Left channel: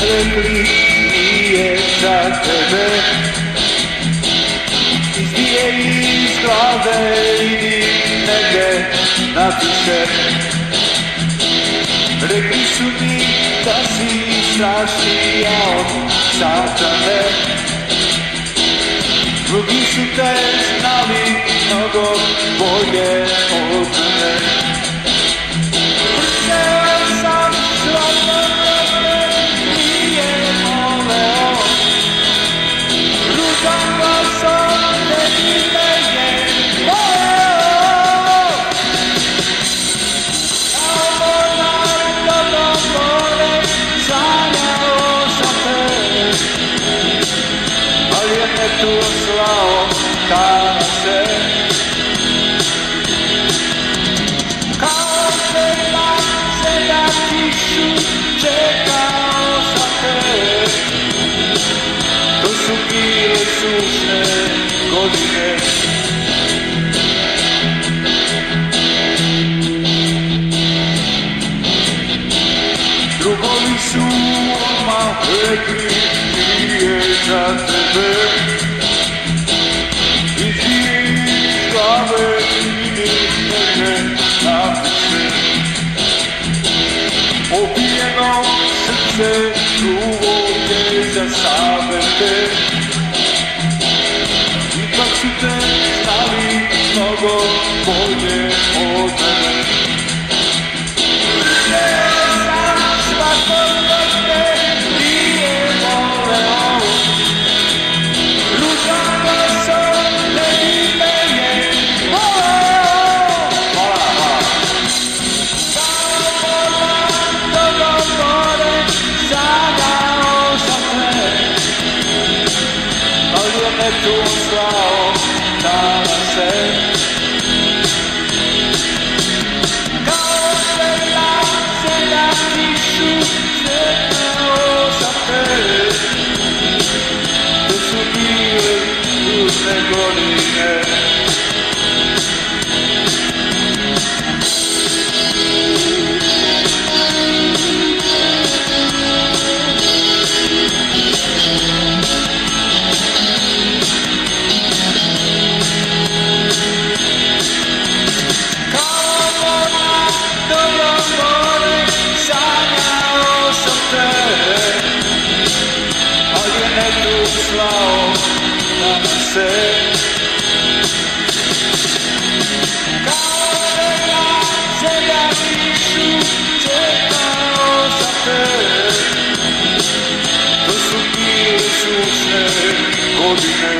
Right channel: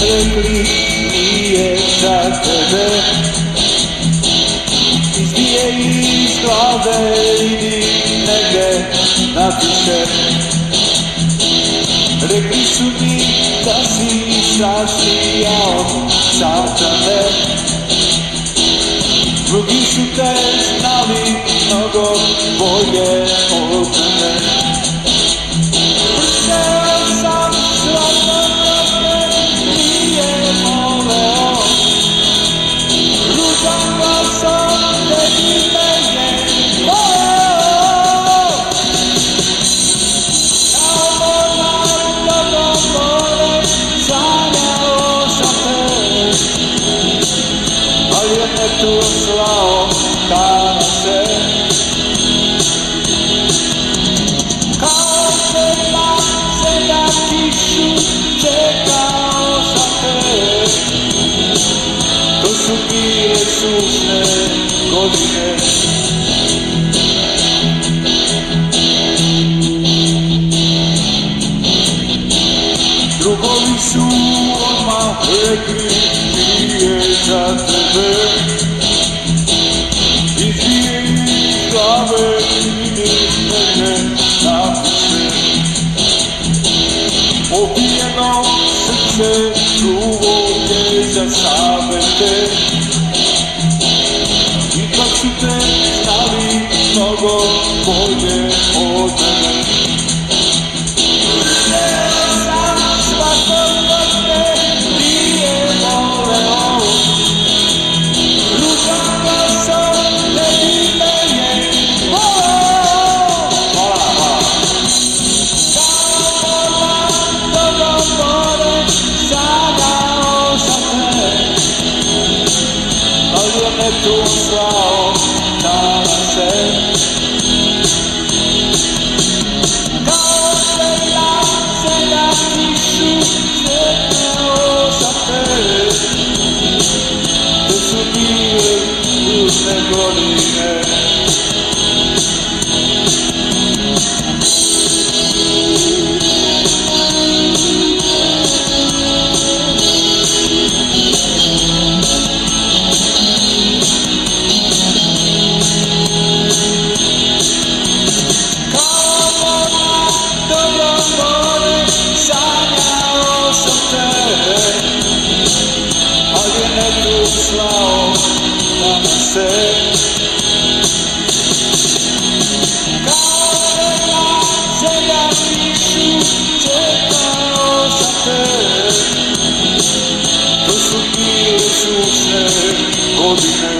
Rekli nije za tebe, izbije iz glave, idi negde napiše. Rekli su mi da si strašnija od satane, drugi su te znali mnogo bolje od mene. Vrteo sam svako vreme, nije voleo, ružan glasom ne bi mene voleo. Kao mornar dobro more, sanjao sam te, ali je me tu slao kada se. Kao svema se na kišu čekao sam te, to su bile sušne godine. Drugovi su odmah rekli nije za tebe, izi iz glave idi negde napiše. Opijeno srce čuvo je za savete, ipak su te znali mnogo bolje od mene. Vrteo sam svako vreme, nije voleo, ružan glasom ne bi mene voleo. Hvala. Kao mornar dobro more, sanjao sam te, ali je me tu slao kada se. Kao svema se na kišu čekao sam te, to su bile tužne godine. Kao mornar dobro more, sanjao sam te, ali je me tu slao kada se. Kao svema se na kišu čekao sam te, to su bile sušne godine.